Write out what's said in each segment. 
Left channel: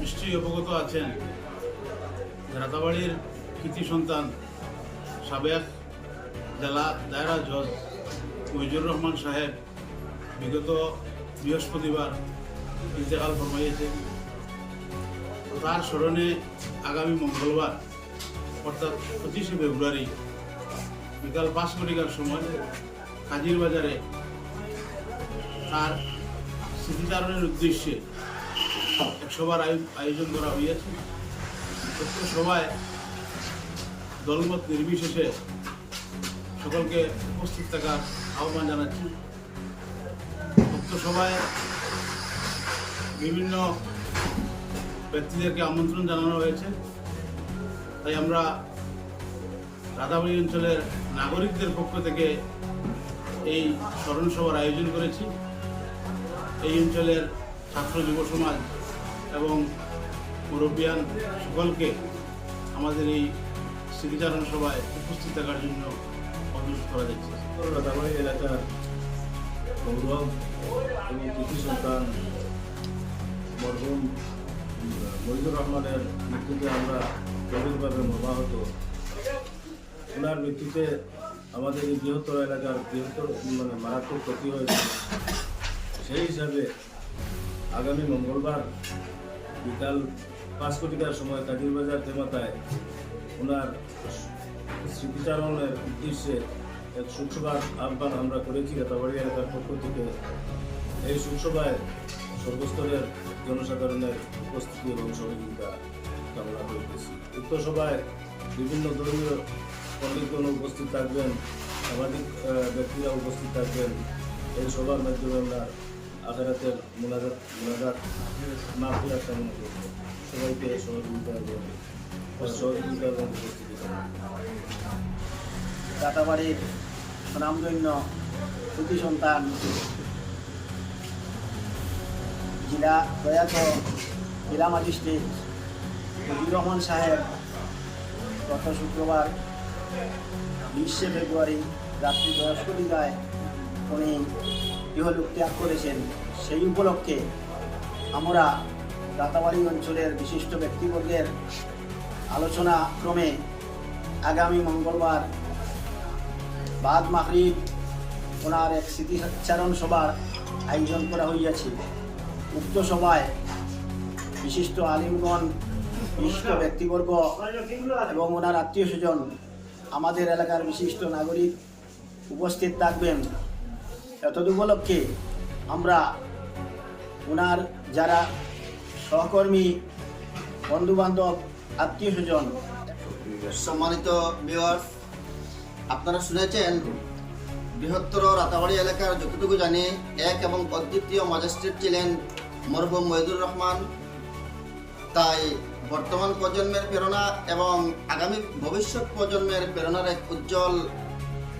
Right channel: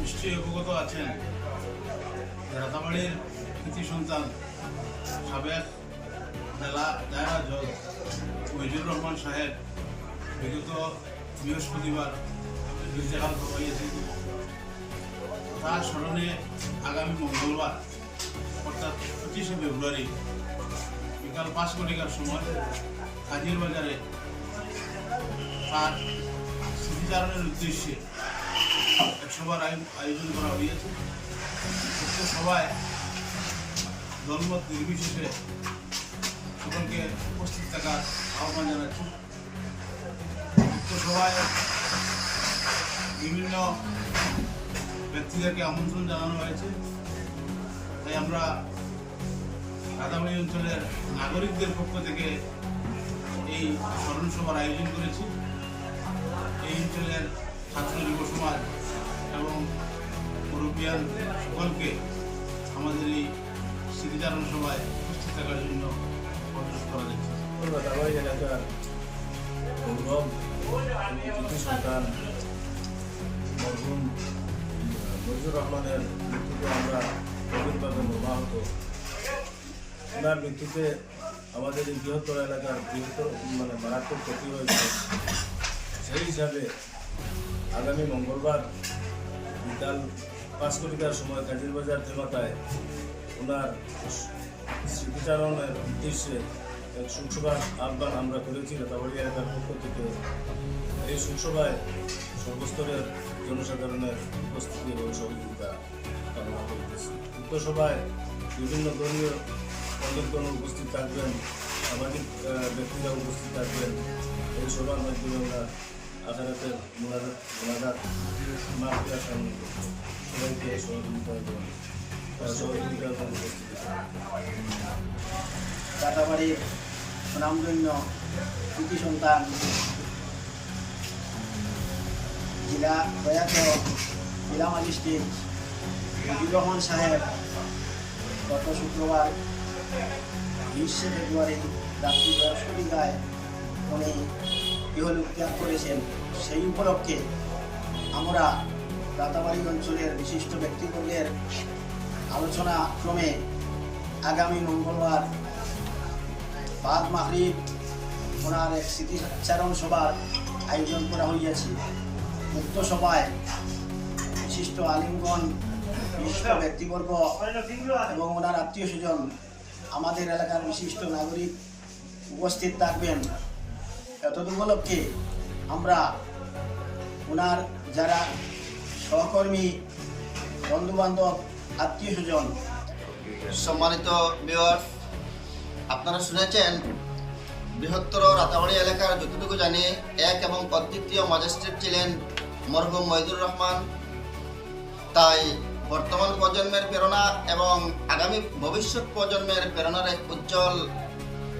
নিশ্চয়ই অবগত আছেন। রাতাবাড়ির কৃতি সন্তান সাবেক জেলা দায়রা জজ মহিজুর রহমান সাহেব বিগত বৃহস্পতিবার ইন্তেকাল ফরমাইয়েছেন। তার স্মরণে আগামী মঙ্গলবার, অর্থাৎ পঁচিশে ফেব্রুয়ারি বিকাল পাঁচ ঘটিকার সময় কাজির বাজারে তার স্মৃতিচারণের উদ্দেশ্যে এক সভার আয়োজন করা হয়েছে উক্ত সভায় দলমত নির্বিশেষে সকলকে উপস্থিত থাকার আহ্বান জানাচ্ছি। উক্ত সভায় বিভিন্ন ব্যক্তিদেরকে আমন্ত্রণ জানানো হয়েছে। তাই আমরা রাধাবাড়ি অঞ্চলের নাগরিকদের পক্ষ থেকে এই স্মরণ সভার আয়োজন করেছি। এই অঞ্চলের ছাত্র যুব সমাজ এবং মুরব্বিয়ান সকলকে আমাদের এই স্মৃতিচারণ সভায় উপস্থিত থাকার জন্য অনুরোধ করা যাচ্ছে। এলাকার গৌরব এবং কৃতি সন্তান মরহুম মজিবুর রহমানের মৃত্যুতে আমরা গভীরভাবে মর্মাহত। ওনার মৃত্যুতে আমাদের এই বৃহত্তর এলাকার বৃহত্তর মানে মারাত্মক ক্ষতি হয়েছে। সেই হিসাবে আগামী মঙ্গলবার বিকাল পাঁচ কোটিকার সময় কাজির বাজার দেমাতায় ওনার স্মৃতিচারণের উদ্দেশ্যে এক শোকসভার আহ্বান আমরা করেছি রাতাবাড়ি এলাকার পক্ষ থেকে। এই শোকসভায় সর্বস্তরের জনসাধারণের উপস্থিতি এবং সহযোগিতা কামনা করিতেছি উক্ত সভায় বিভিন্ন ধর্মীয় পণ্ডিতগণ উপস্থিত থাকবেন, সামাজিক ব্যক্তিরা উপস্থিত থাকবেন। এই সভার মাধ্যমে আমরা আখেরাতের মোনাজাত মোনাজাত মাফিয়া কামনা করব সবাইকে সহযোগিতা এবং সহযোগিতা এবং উপস্থিতি। রাতাবাড়ির সুনামধন্য কৃতি সন্তান জেলা প্রয়াত জেলা ম্যাজিস্ট্রেট মুজিবুর রহমান সাহেব গত শুক্রবার বিশে ফেব্রুয়ারি রাত্রি বৃহস্পতিবায় উনি ইহলোক ত্যাগ করেছেন সেই উপলক্ষে আমরা রাতাবাড়ি অঞ্চলের বিশিষ্ট ব্যক্তিবর্গের আলোচনা ক্রমে আগামী মঙ্গলবার বাদ মাহরিব ওনার এক স্মৃতিচারণ সভার আয়োজন করা হইয়াছে। উক্ত সভায় বিশিষ্ট আলিমগণ, বিশিষ্ট ব্যক্তিবর্গ এবং ওনার আত্মীয় স্বজন আমাদের এলাকার বিশিষ্ট নাগরিক উপস্থিত থাকবেন। এতদ উপলক্ষে আমরা ওনার যারা সহকর্মী, বন্ধুবান্ধব, আত্মীয় স্বজন, সম্মানিত ভিউয়ার্স আপনারা শুনেছেন বৃহত্তর রাতাবাড়ি এলাকার যতটুকু জানি, এক এবং অদ্বিতীয় ম্যাজিস্ট্রেট ছিলেন মরহুম মহিদুর রহমান। তাই বর্তমান প্রজন্মের প্রেরণা এবং আগামী ভবিষ্যৎ প্রজন্মের প্রেরণার এক উজ্জ্বল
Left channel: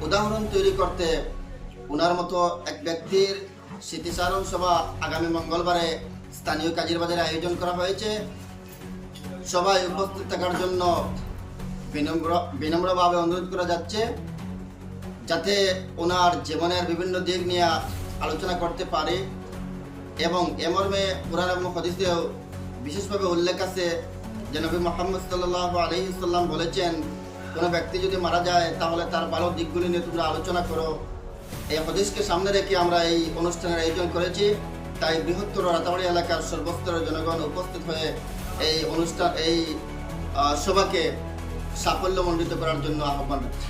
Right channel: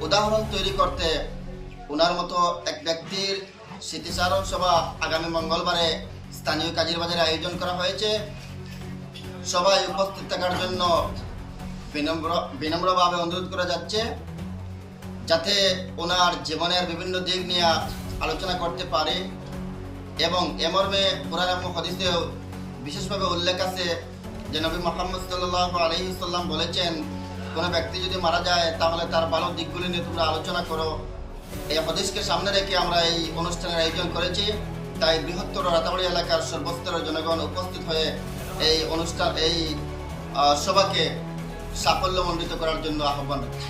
উদাহরণ তৈরি করতে ওনার মতো এক ব্যক্তির স্মৃতিচারণ সভা আগামী মঙ্গলবারে স্থানীয় কাজীর বাজারে আয়োজন করা হয়েছে। সবাই উপস্থিত থাকার জন্য বিনম্র বিনম্রভাবে অনুরোধ করা যাচ্ছে, যাতে ওনার জীবনের বিভিন্ন দিক নিয়ে আলোচনা করতে পারে এবং এ মর্মে কোরআন এবং হদিসেও বিশেষভাবে উল্লেখ আছে যে নবী মোহাম্মদ সাল্লাহ আলহিসাল্লাম বলেছেন, কোনো ব্যক্তি যদি মারা যায় তাহলে তার ভালো দিকগুলি নিয়ে তোমরা আলোচনা করো। এই হদেশকে সামনে রেখে আমরা এই অনুষ্ঠানের আয়োজন করেছি। তাই বৃহত্তর রাতাবাড়ি এলাকার সর্বস্তরের জনগণ উপস্থিত হয়ে এই অনুষ্ঠান, এই সভাকে সাফল্যমণ্ডিত করার জন্য আহ্বান রাখছি